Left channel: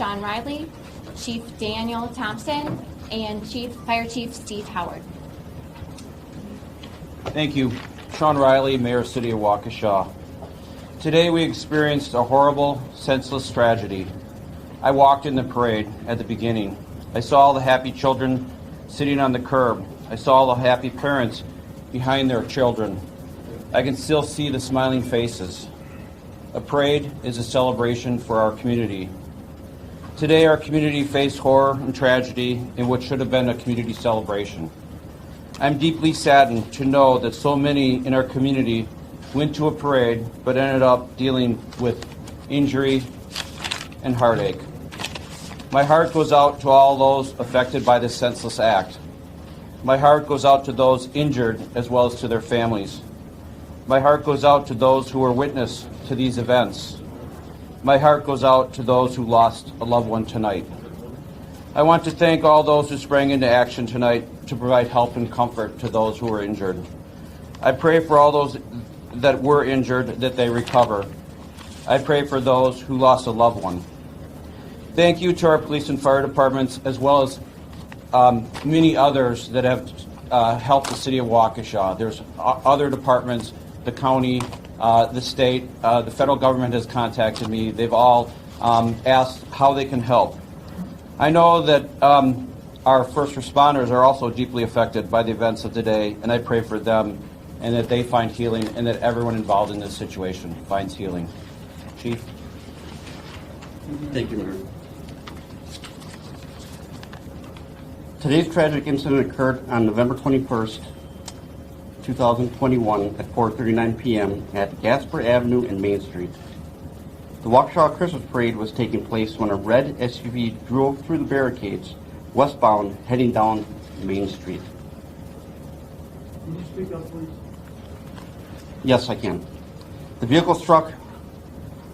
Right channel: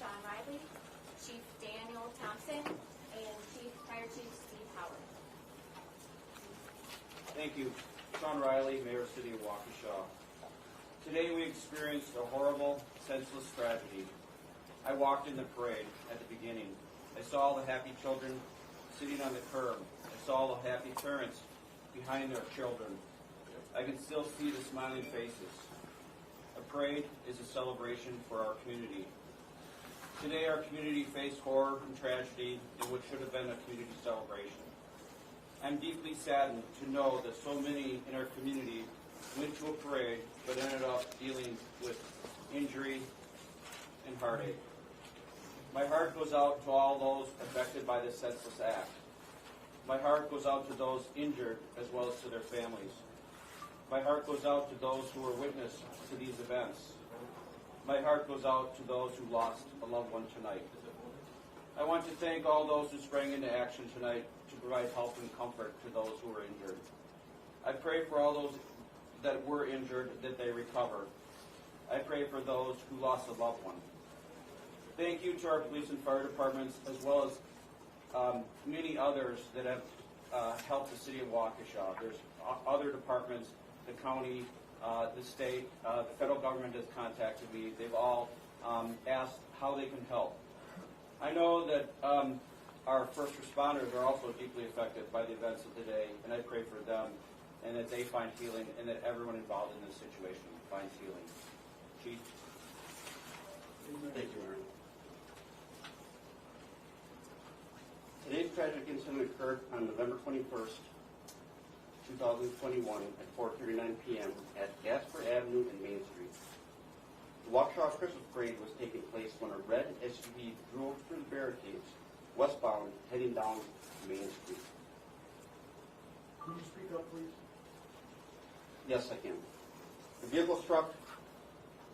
Sean Riley, Chief Daniel Thompson, and Fire Chief Steve Howard. Thank you. Sean Riley, Mayor, City of Waukesha. Today we experienced a horrible, senseless tragedy. I walked in the parade at the beginning. I saw all the happy children sitting on the curb. I saw all the happy parents behind their children. I can still see the smiling faces. A parade is a celebration for our community. Today our community faced horror and tragedy in what should have been a community celebration. I'm deeply saddened to know that so many in our community went to a parade but ended up dealing with injury and heartache. My heart goes out to all those affected by this senseless act. My heart goes out to those injured as well as to their families. My heart goes out to those who were witness to these events. My heart goes out to those who lost a loved one tonight. I want to thank all those who sprang into action tonight to provide help and comfort to those who were injured. I pray for all those that were injured that they recover. I pray for those who lost a loved one. Thank you to our police and fire departments as well as many others that have helped the city of Waukesha. There's other departments, the county, the state, the federal government has contacted me. They've all asked how they can help. I know that our first responders are also deeply affected by the events of today, and I pray for them and that they find healing and that everyone involved in this situation finds healing. Chief. Thank you, Mayor. Today's tragic incident occurred on November 21st, 2021 at 4:39 p.m. at Gasper Avenue and Main Street. The Waukesha Christmas Parade was taking place when a red SUV drove through the barricades westbound heading down Main Street. Can you speak up, please? Yes, I can. The vehicle struck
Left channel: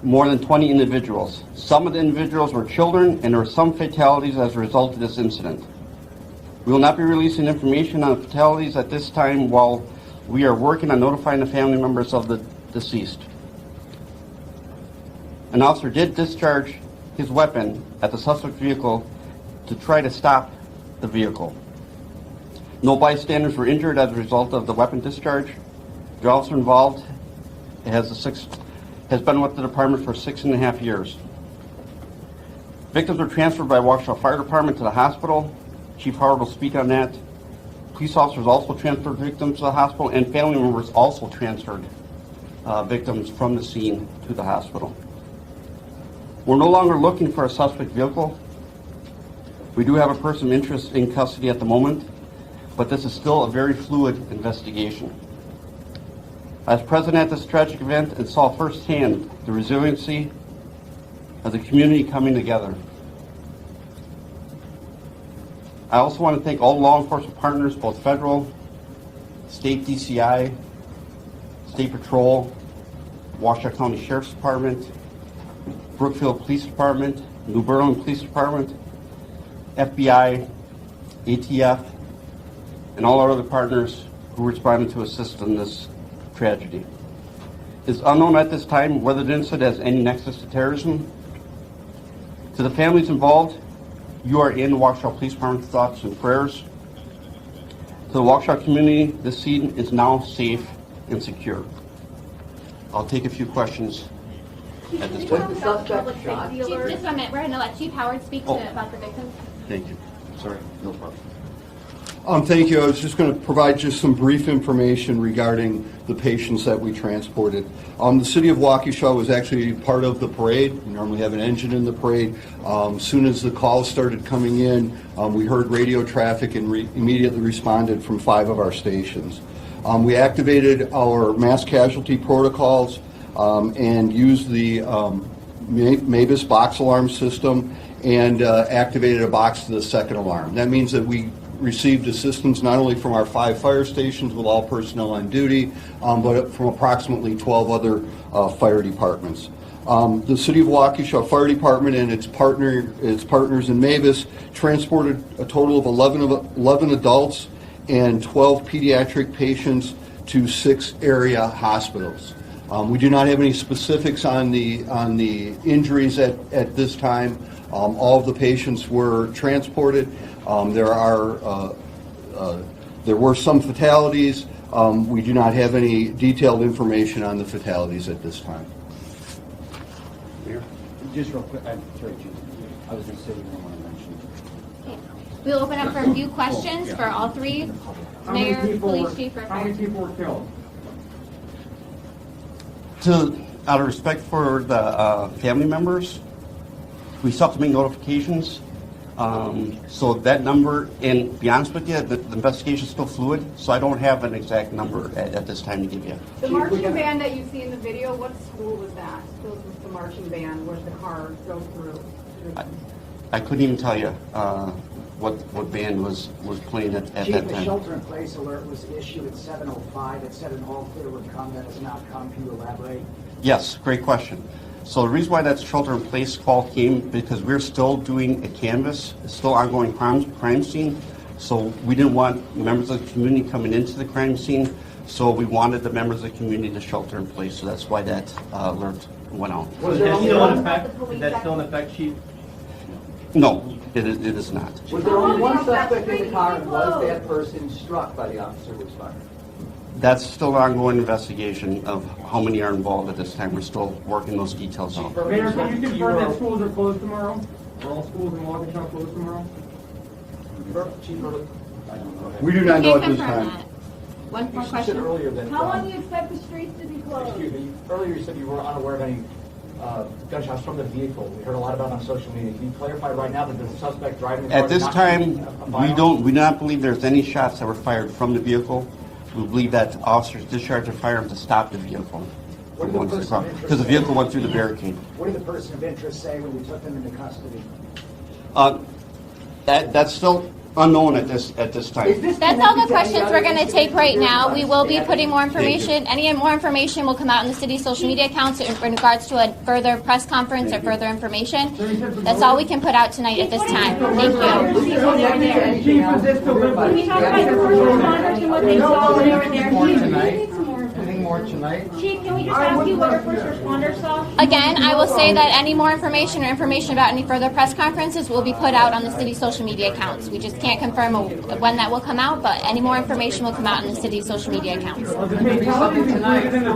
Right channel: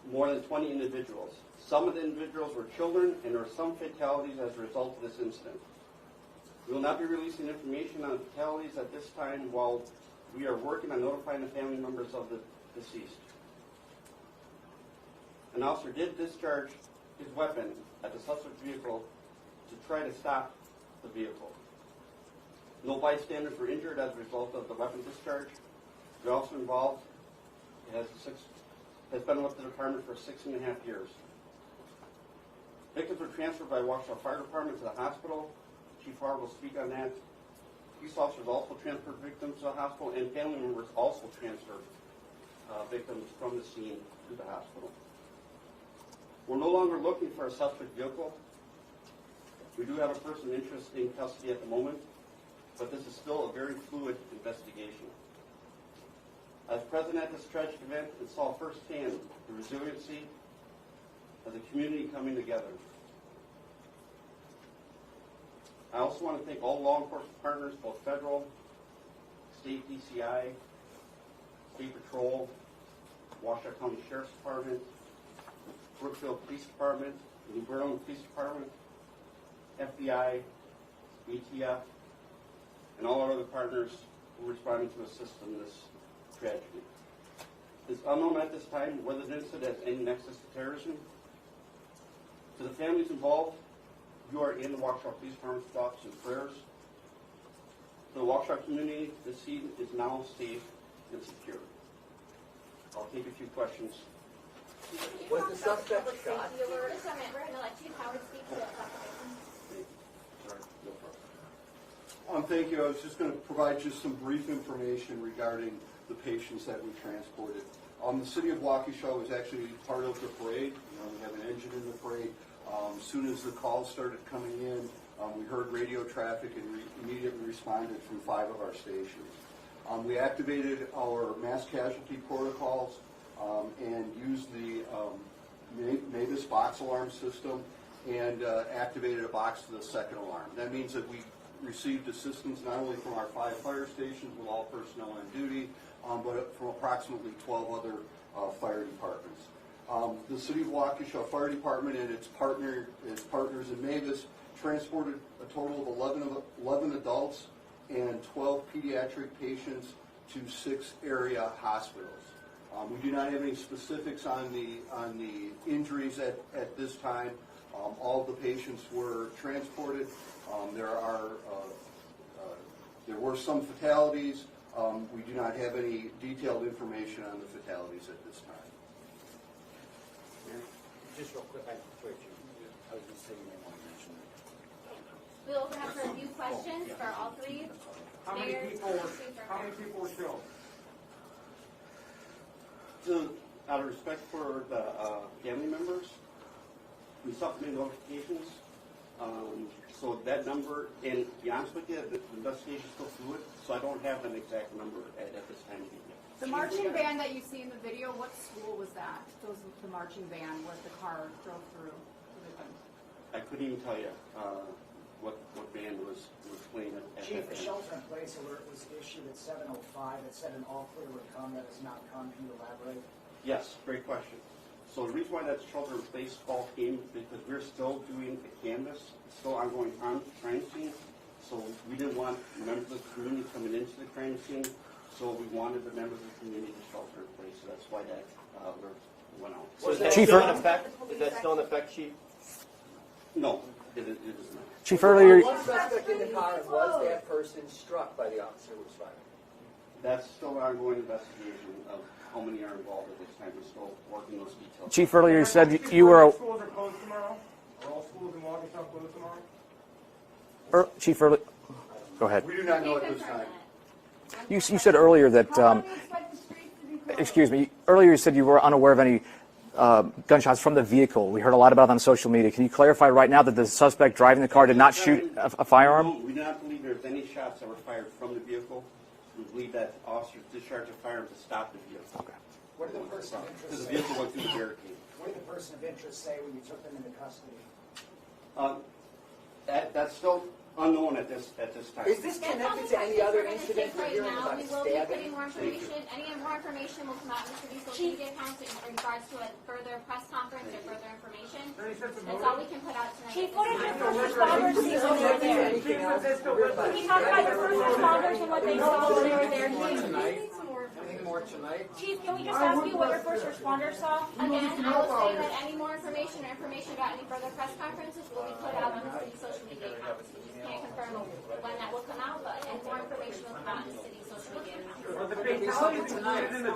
more than 20 individuals. Some of the individuals were children, and there were some fatalities as a result of this incident. We will not be releasing information on fatalities at this time while we are working on notifying the family members of the deceased. An officer did discharge his weapon at the suspect vehicle to try to stop the vehicle. No bystanders were injured as a result of the weapon discharge. The officer involved has been with the department for 6.5 years. Victims were transferred by Waukesha Fire Department to the hospital. Chief Howard will speak on that. Police officers also transferred victims to the hospital, and family members also transferred victims from the scene to the hospital. We're no longer looking for a suspect vehicle. We do have a person of interest in custody at the moment, but this is still a very fluid investigation. I was present at this tragic event and saw firsthand the resiliency of the community coming together. I also want to thank all law enforcement partners, both federal, state DCI, State Patrol, Waukesha County Sheriff's Department, Brookfield Police Department, New Berlin Police Department, FBI, ATF, and all our other partners who responded to assist in this tragedy. It is unknown at this time whether the incident has any nexus to terrorism. To the families involved, you are in Waukesha Police Department's thoughts and prayers. To the Waukesha community, this scene is now safe and secure. I'll take a few questions at this time. Chief, just 1 minute. We're going to let Chief Howard speak about the victims. Thank you. Sorry, no problem. Thank you. I was just going to provide just some brief information regarding the patients that we transported. The city of Waukesha was actually part of the parade. We normally have an engine in the parade. As soon as the calls started coming in, we heard radio traffic and immediately responded from 5 of our stations. We activated our mass casualty protocols and used the Mavis box alarm system and activated a box to the second alarm. That means that we received assistance not only from our 5 fire stations with all personnel on duty, but from approximately 12 other fire departments. The City of Waukesha Fire Department and its partners in Mavis transported a total of 11 adults and 12 pediatric patients to 6 area hospitals. We do not have any specifics on the injuries at this time. All of the patients were transported. There were some fatalities. We do not have any detailed information on the fatalities at this time. Just real quick, sorry, Chief. I was going to say you don't want to mention. We'll open up for a few questions for all three, mayor, police chief, or How many fire. people were killed? Out of respect for the family members, we still have to make notifications. So that number, and to be honest with you, the investigation is still fluid, so I don't have an exact number at this time to give you. The marching band that you see in the video, what school was that? Those was the marching band where the car drove through. I couldn't even tell you what band was playing at that Chief, the time. shelter-in-place alert was issued at 7:05. It said an all-clear would come. That has not come. Can you elaborate? Yes, great question. So the reason why that shelter-in-place call came, because we're still doing a canvas, it's still ongoing crime scene. So we didn't want members of the community coming into the crime scene, so we wanted the members of the community to shelter in place. So that's why that alert went out. Was that still in effect? Is that still in effect, Chief? No, it is not. Was there only one suspect in the car, and was that person struck by the officer who was fired? That's still an ongoing investigation of how many are involved at this time. We're still working those details Chief, out. earlier you Mayor, said can that you you were. confirm that schools are closed tomorrow? Are all schools in Waukesha closed tomorrow? Chief, earlier. Go ahead. We do not know Can't at this confirm time. that. One You more said question. earlier that. How long do you expect the streets to be closed? Excuse me. Earlier you said you were unaware of any gunshots from the vehicle. We heard a lot about it on social media. Can you clarify right now that the suspect driving the car At did this not time, shoot a firearm? we do not believe there's any shots that were fired from the vehicle. We believe that officers discharged their firearm to stop the vehicle. What did the person of interest Because the say? vehicle went through the barricade. What did the person of interest say when you took them into custody? That's still unknown at this time. That's all the questions we're going to take right now. We will be putting more information. Any more information will come out in the city's social media accounts in regards to a further press conference or further information. That's all we can put out tonight at this time. Thank you. Chief, is this deliberate? Can we talk about the first responders and what they saw when they were there? Anything more tonight? Chief, can we just ask you what our first responders saw? Again, I will say that any more information or information about any further press conferences will be put out on the city's social media accounts. We just can't confirm when that will come out, but any more information will come out in the city's social media accounts. Are the fatalities included in the